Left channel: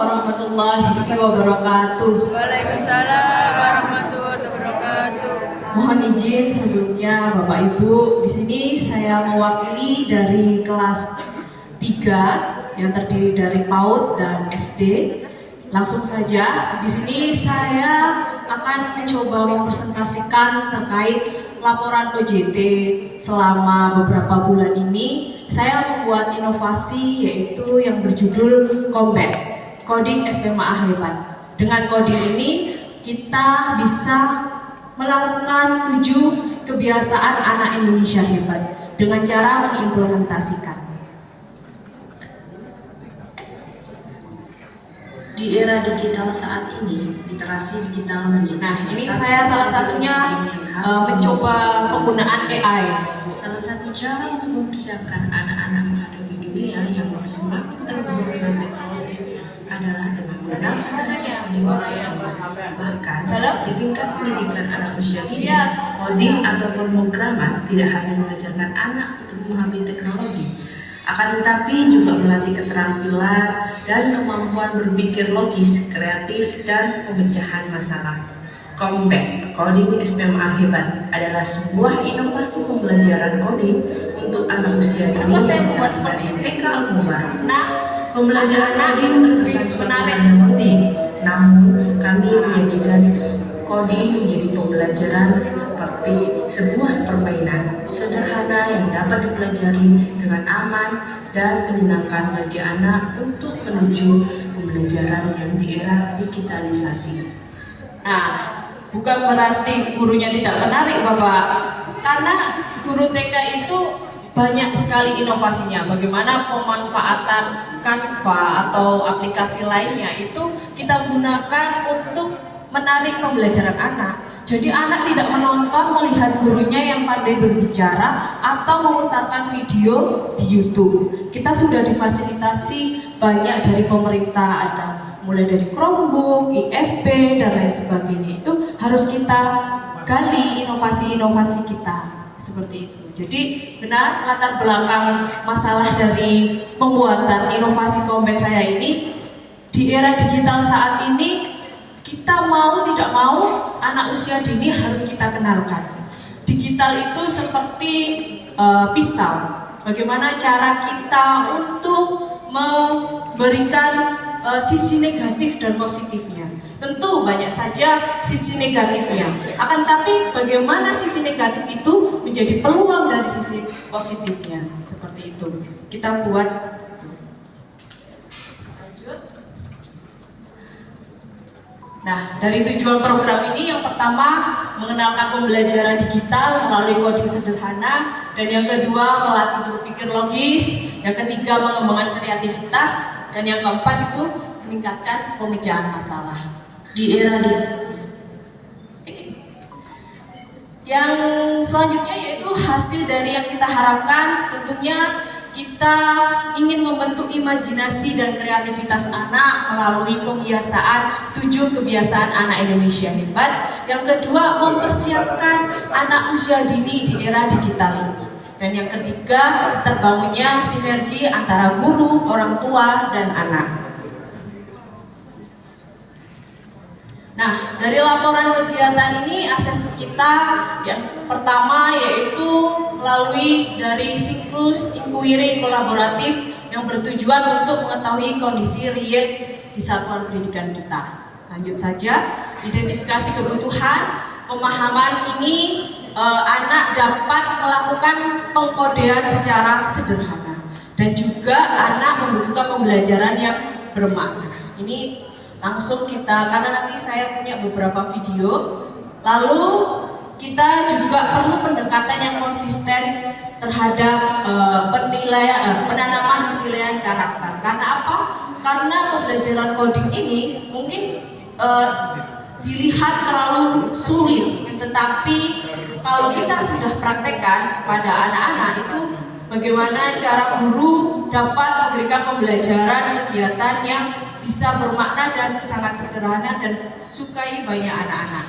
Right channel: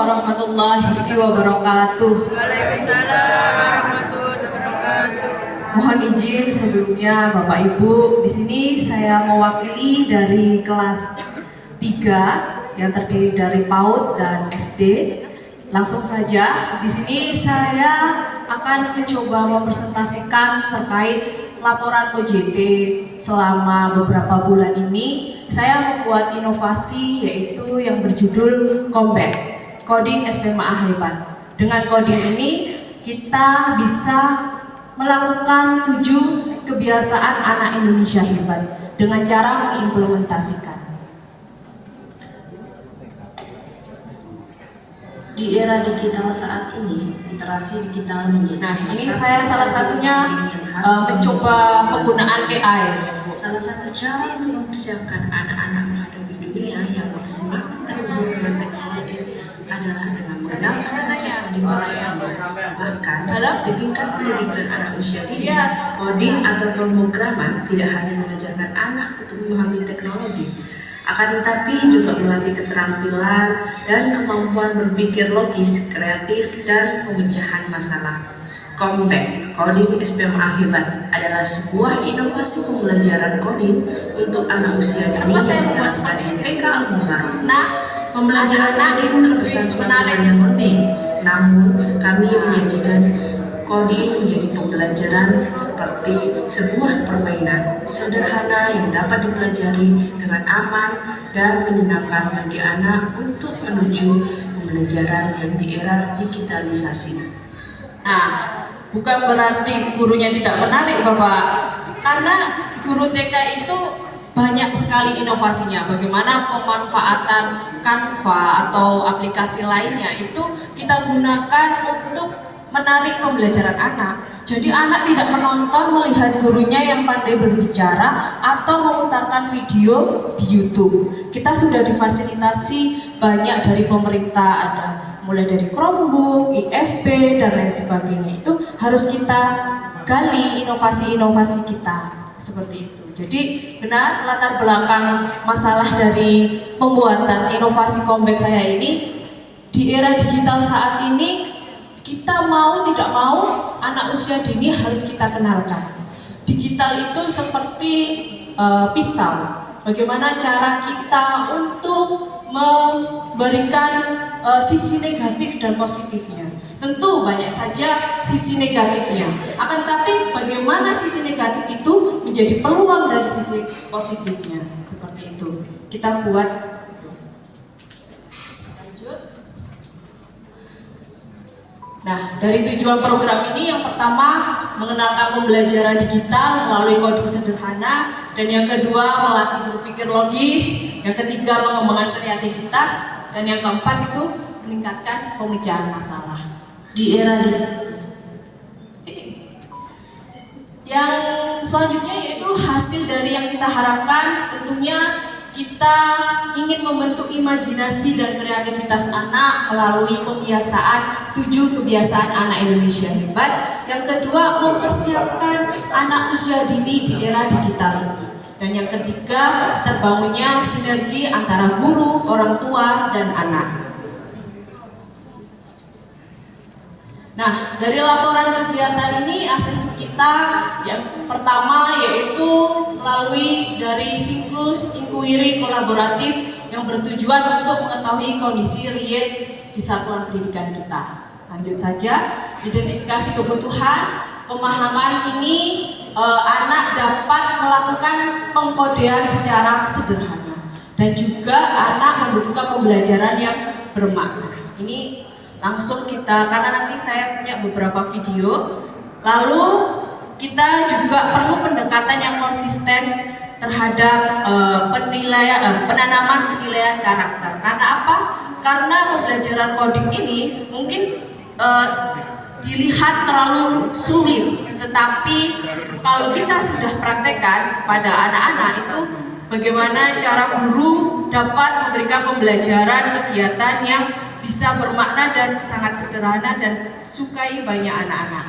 warahmatullahi wabarakatuh. Waalaikumsalam warahmatullahi wabarakatuh. Mohon izin sebelumnya Bapak Ibu, di sini saya mewakili dari kelas 3 yang terdiri dari PAUD dan SD. Langsung saja, di sini saya akan mencoba mempresentasikan terkait laporan OJT selama beberapa bulan ini. Saya membuat inovasi yaitu yang berjudul Combat, Coding SPMA Hebat. Dengan coding ini kita bisa melakukan 7 kebiasaan anak Indonesia hebat dengan cara mengimplementasikan. Di era digital saat ini, literasi digital menjadi ini saya salah satunya mencoba penggunaan AI. Salah satu cara untuk mempersiapkan anak-anak menghadapi dunia yang semakin terhubung dengan teknologi adalah dengan mengenalkan bahkan di tingkat pendidikan anak usia dini, coding atau pemrograman tidak hanya mengajarkan anak untuk memahami teknologi, akan tetapi juga melatih keterampilan dan kemampuan berpikir logis, kreatif, dan pemecahan masalah. Combat, Coding SPMA Hebat adalah sebuah inovasi pembelajaran coding untuk anak usia dini. Saya membuat seperti ini. TK Umar. Nah, Pembelajaran coding terkesan menarik yang seperti. Namun, kami menyajikan coding menjadi pembelajaran seperti sebuah permainan sederhana yang dapat dipelajari dengan aman dan menyenangkan bagi anak untuk menuju pembelajaran yang di era digitalisasi. Nah, bukan berarti gurunya tidak menarik Bapak, karena guru TK itu banyak sekali inovasinya. Bagaimana pemanfaatan Canva atau aplikasi lainnya itu kita gunakan untuk menarik pembelajaran anak. Jadi anak tidak menonton melihat gurunya yang pandai berbicara atau memutarkan video di YouTube. Kita sudah difasilitasi banyak dari pemerintah, ada mulai dari Chromebook, IFP, dan lain sebagainya. Itu harus kita gali inovasi-inovasi kita seperti itu. Jadi benar latar belakang masalah dari pembuatan inovasi Combat saya ini, di era digital saat ini kita mau tidak mau anak usia dini harus kita kenalkan. Digital itu seperti pisau. Bagaimana cara kita untuk memberikan sisi negatif dan positifnya. Tentu banyak saja sisi negatifnya. Akan tapi bagaimana sisi negatif itu menjadi peluang dari sisi positifnya. Seperti itu. Kita buat. Lanjut. Nah, dari tujuan program ini yang pertama mengenalkan pembelajaran digital melalui coding sederhana, dan yang kedua melatih berpikir logis, yang ketiga mengembangkan kreativitas, dan yang keempat itu meningkatkan pemecahan masalah. Di era yang selanjutnya yaitu hasil dari yang kita harapkan, tentunya kita ingin membentuk imajinasi dan kreativitas anak melalui pembiasaan 7 kebiasaan anak Indonesia hebat. Yang kedua, mempersiapkan anak usia dini di era digital ini. Dan yang ketiga, terbangunnya sinergi antara guru, orang tua, dan anak. Nah, dari laporan kegiatan ini akses kita yang pertama yaitu melalui dari siklus inquiry kolaboratif yang bertujuan untuk mengetahui kondisi real di satuan pendidikan kita. Lanjut saja, identifikasi kebutuhan, pemahaman ini anak dapat melakukan pengkodean secara sederhana, dan juga anak membutuhkan pembelajaran yang bermakna. Ini langsung kita, karena nanti saya punya beberapa video. Lalu kita juga perlu pendekatan yang konsisten terhadap penanaman penilaian karakter. Karena apa? Karena pembelajaran coding ini mungkin dilihat terlalu sulit, tetapi kalau kita sudah praktekkan kepada anak-anak itu bagaimana cara guru dapat memberikan pembelajaran kegiatan yang bisa bermakna dan sangat sederhana dan sukai banyak anak-anak.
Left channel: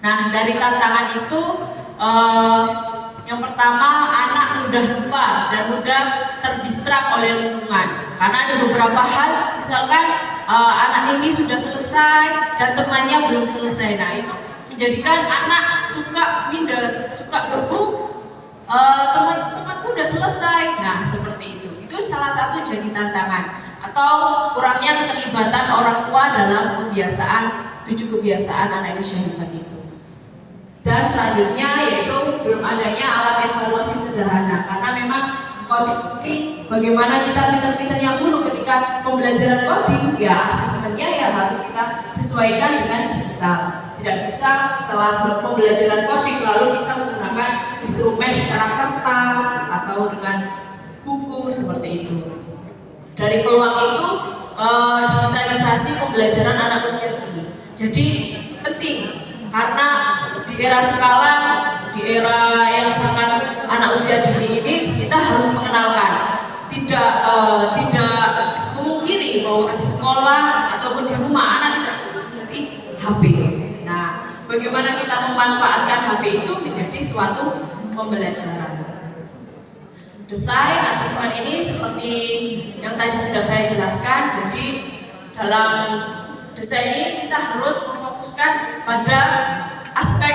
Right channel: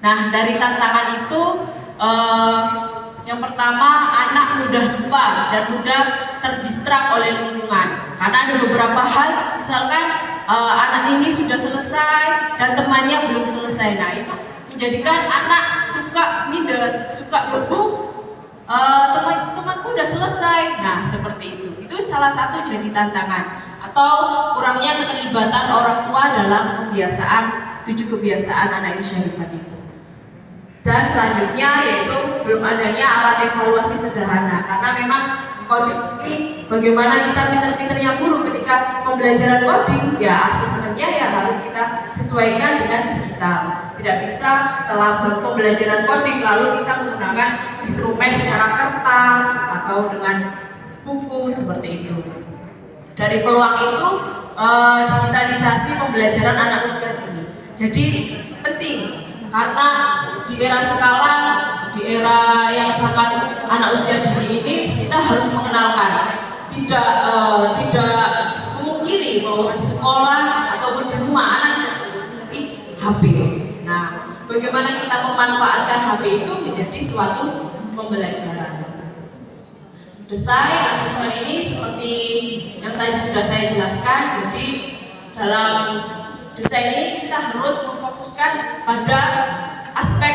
Nah, dari tantangan itu yang pertama, anak mudah lupa dan mudah terdistrak oleh lingkungan. Karena ada beberapa hal, misalkan anak ini sudah selesai dan temannya belum selesai. Nah itu menjadikan anak suka minder, suka temanku udah selesai. Nah seperti itu salah satu jadi tantangan atau kurangnya keterlibatan orang tua dalam kebiasaan 7 kebiasaan anak usia dini itu. Dan selanjutnya yaitu belum adanya alat evaluasi sederhana, karena memang coding ini bagaimana kita pinter-pinternya guru ketika pembelajaran coding, ya asesmennya ya harus kita sesuaikan dengan digital. Tidak bisa setelah pembelajaran coding lalu kita menggunakan instrumen secara kertas atau dengan buku seperti itu. Dari peluang itu digitalisasi pembelajaran anak usia dini jadi penting, karena di era sekarang, di era yang sangat anak usia dini ini kita harus mengenalkan tidak memungkiri bahwa di sekolah ataupun di rumah anak tidak memiliki HP. Nah, bagaimana kita memanfaatkan HP itu menjadi suatu pembelajaran. Desain asesmen ini seperti yang tadi sudah saya jelaskan. Jadi dalam desain ini kita harus memfokuskan pada aspek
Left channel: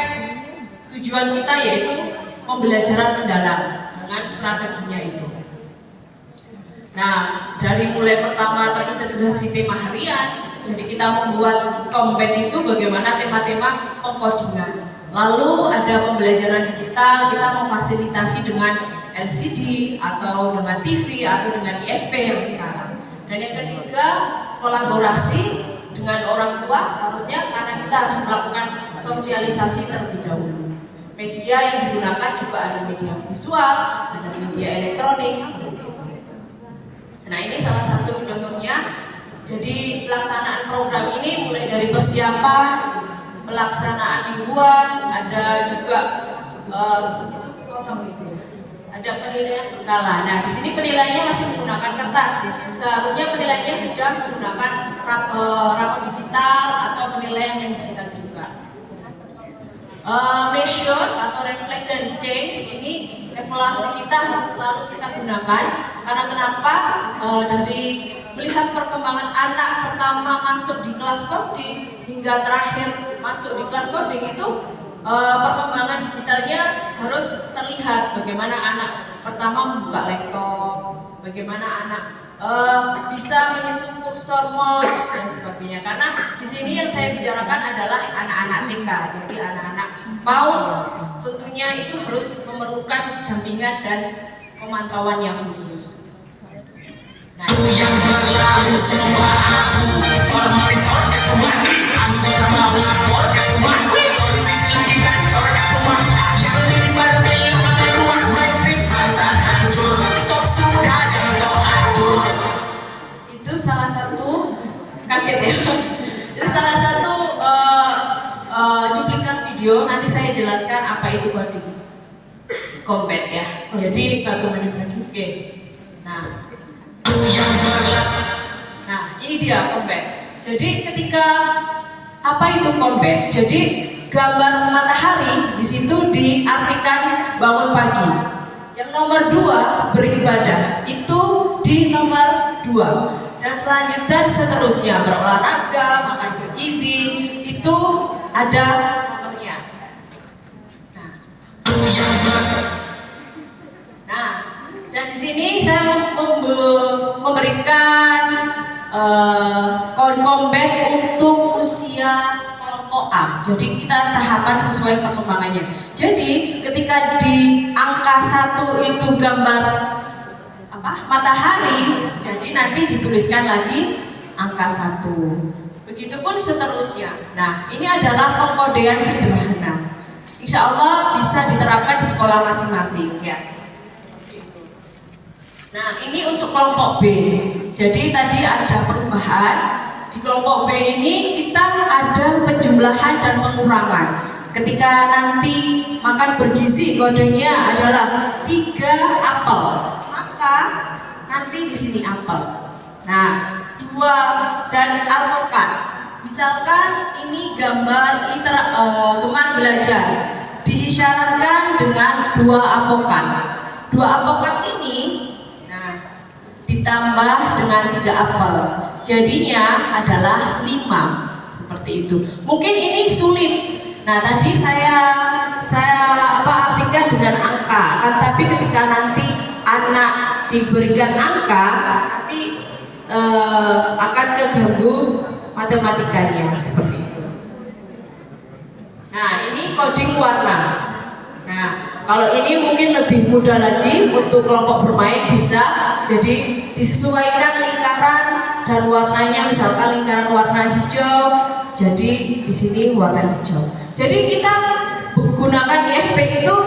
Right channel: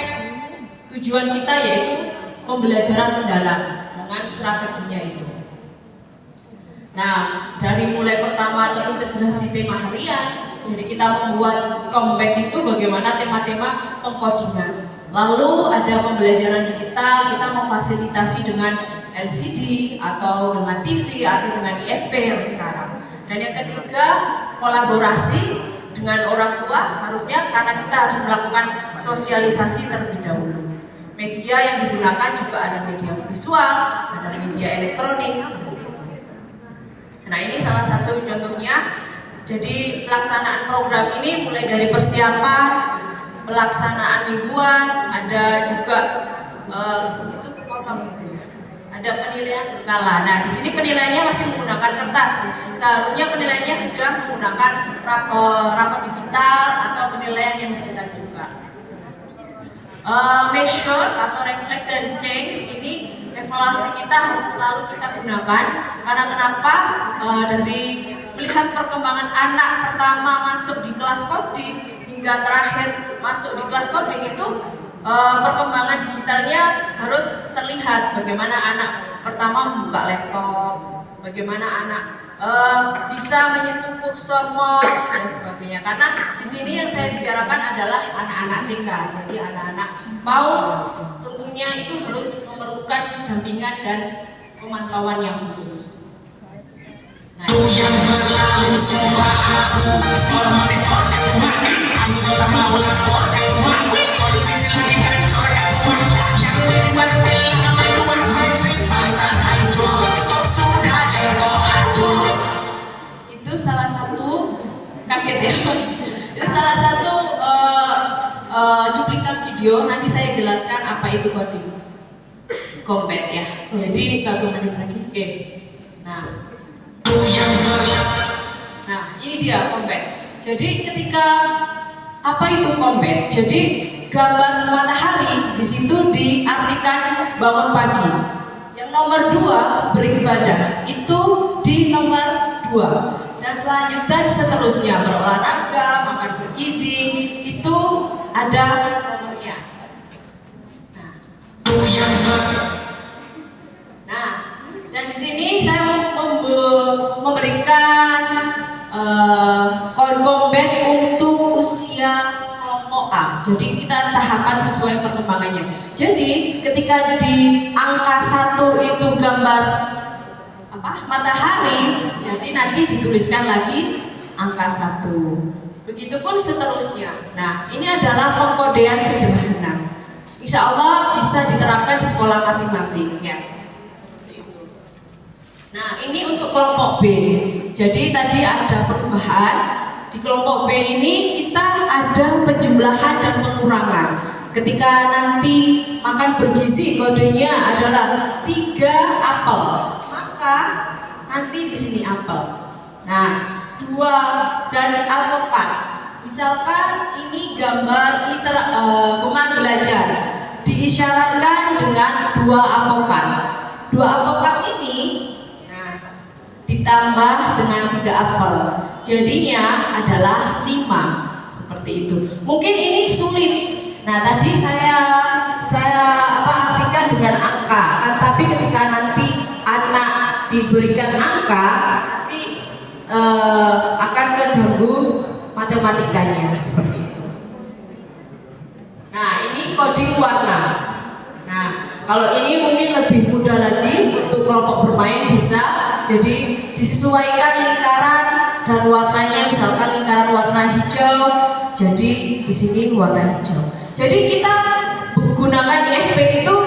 tujuan kita, yaitu pembelajaran mendalam dengan strateginya itu. Nah, dari mulai pertama terintegrasi tema harian, jadi kita membuat Kombat itu bagaimana tema-tema pengkodingan. Lalu ada pembelajaran digital, kita memfasilitasi dengan LCD atau dengan TV atau dengan IFP yang sekarang. Dan yang ketiga, kolaborasi dengan orang tua harusnya, karena kita harus melakukan sosialisasi terlebih dahulu. Media yang digunakan juga ada media visual, ada media elektronik seperti itu. Nah ini salah satu contohnya. Jadi pelaksanaan program ini mulai dari persiapan, pelaksanaan mingguan, ada juga itu potong gitu. Ada penilaian berkala. Nah, di sini penilaiannya masih menggunakan kertas. Seharusnya penilaiannya sudah menggunakan rapor digital atau penilaian yang digital juga. Measure atau reflect dan change ini evaluasi kita harus selalu kita gunakan. Karena kenapa? Dari melihat perkembangan anak pertama masuk di kelas coding hingga terakhir masuk di kelas coding itu perkembangan digitalnya harus terlihat. Bagaimana anak pertama membuka laptop, bagaimana anak bisa menyentuh kursor mouse dan sebagainya. Karena di sini yang saya bicarakan adalah anak-anak TK, jadi anak-anak PAUD tentunya itu harus memerlukan dampingan dan pemantauan yang khusus. Nah, yang berlalu semua aku itu salah satu kaget ya. Itu salah satu cuplikan video. Nanti saya jelaskan apa itu coding Kombat ya. Jadi 1 menit lagi. Oke. Nah, ini dia Kombat. Jadi ketika apa itu Kombat? Jadi gambar matahari di situ diartikan bangun pagi. Yang nomor 2 beribadah itu di nomor 2. Dan selanjutnya seterusnya berolahraga, makan bergizi itu ada nomornya. Nah, dan di sini saya memberikan Kombat untuk usia kelompok A. Jadi kita tahapan sesuai perkembangannya. Jadi ketika di angka 1 itu gambar matahari, jadi nanti dituliskan lagi angka 1. Begitupun seterusnya. Nah, ini adalah pengkodean sederhana. Insya Allah bisa diterapkan di sekolah masing-masing ya. Nah, ini untuk kelompok B. Jadi tadi ada perubahan. Di kelompok B ini kita ada penjumlahan dan pengurangan. Ketika nanti makan bergizi, kodenya adalah 3 apel. Maka nanti di sini apel. Nah, 2 dan alpukat. Misalkan ini gambar gemar belajar, diisyaratkan dengan 2 alpukat. 2 alpukat ini, nah, ditambah dengan 3 apel. jadinya adalah 5 seperti itu. Mungkin ini sulit. Nah, tadi saya artikan dengan angka. Akan tapi ketika nanti anak diberikan angka, nanti akan keganggu matematikanya seperti itu. Nah, ini coding warna. Nah, kalau ini mungkin lebih mudah lagi untuk kelompok bermain bisa. Jadi disesuaikan lingkaran dan warnanya, misalkan lingkaran warna hijau, jadi di sini warna hijau. Jadi kita menggunakan IFP itu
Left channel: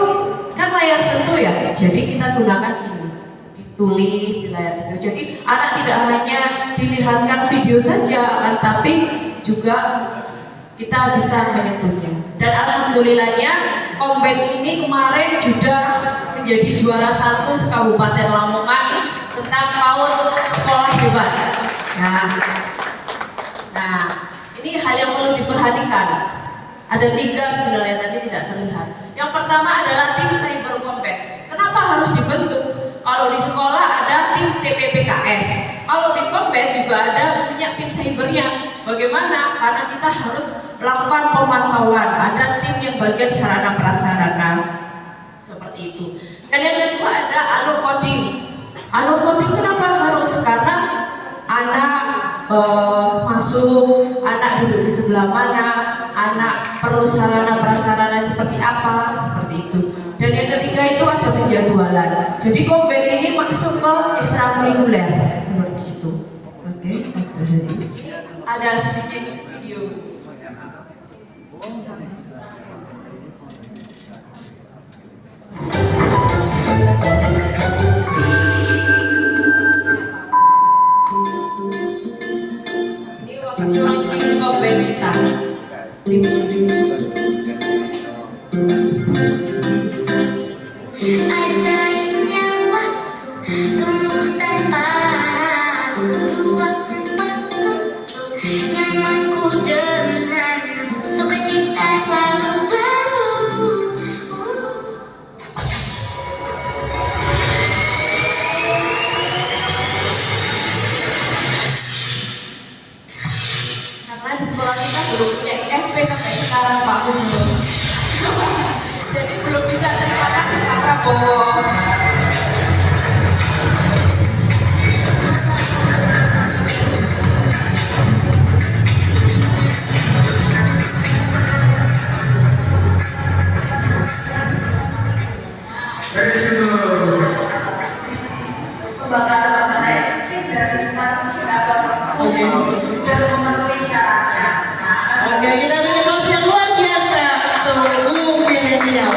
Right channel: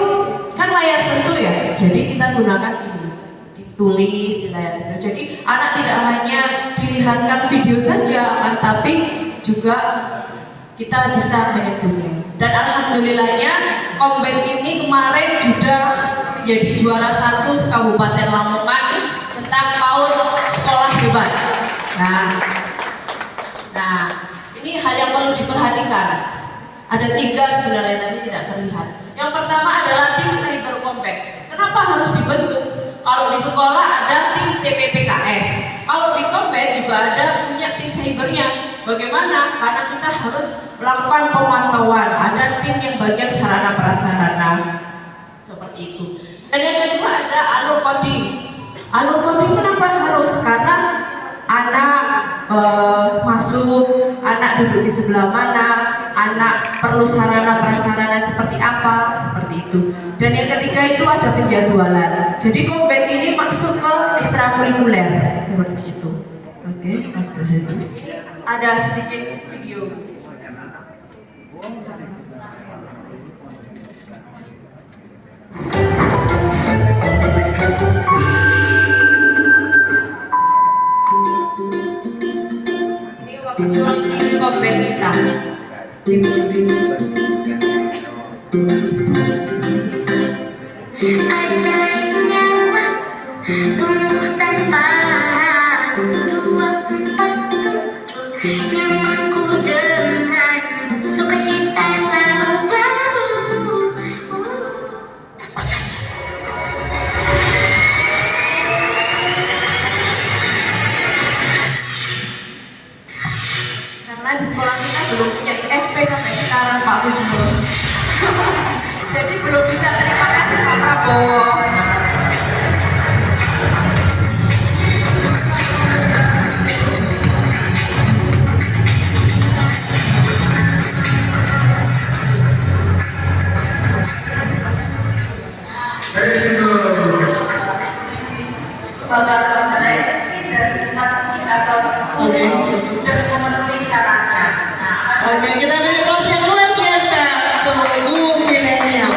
kan layar sentuh ya. Jadi kita gunakan ini, ditulis di layar sentuh. Jadi anak tidak hanya dilihatkan video saja, tapi juga kita bisa menyentuhnya. Dan alhamdulillahnya Kombet ini kemarin sudah menjadi juara 1 se-Kabupaten Lamongan tentang PAUD sekolah hebat. Nah, ini hal yang perlu diperhatikan. Ada 3 sebenarnya, tapi tidak terlihat. Yang pertama adalah tim cyber Kombet. Kenapa harus dibentuk? Kalau di sekolah ada tim TPPKS, kalau di Kombet juga ada punya tim cybernya. Bagaimana? Karena kita harus melakukan pemantauan. Ada tim yang bagian sarana prasarana seperti itu. Dan yang kedua ada alur coding. Alur coding kenapa harus? Karena anak masuk, anak duduk di sebelah mana, anak perlu sarana prasarana seperti apa, seperti itu. Dan yang ketiga itu ada penjadwalan. Jadi Kombet ini masuk ke ekstrakurikuler seperti itu. Oke, Dr. Haris. Ada sedikit video. Ini waktu launching Kombet kita. Ajaibnya waktu tumbuh tanpa ragu, 24 nyamanku denganmu, sukacita selalu baru. Karena di sekolah kita belum punya IFP sampai sekarang Pak Gubernur. Jadi belum bisa terima kasih Pak Prabowo. Bapak-bapak ini dari indikator Oke. sudah memenuhi syaratnya. Nah, Oke, kita beri aplaus yang luar biasa untuk Bu Milenial.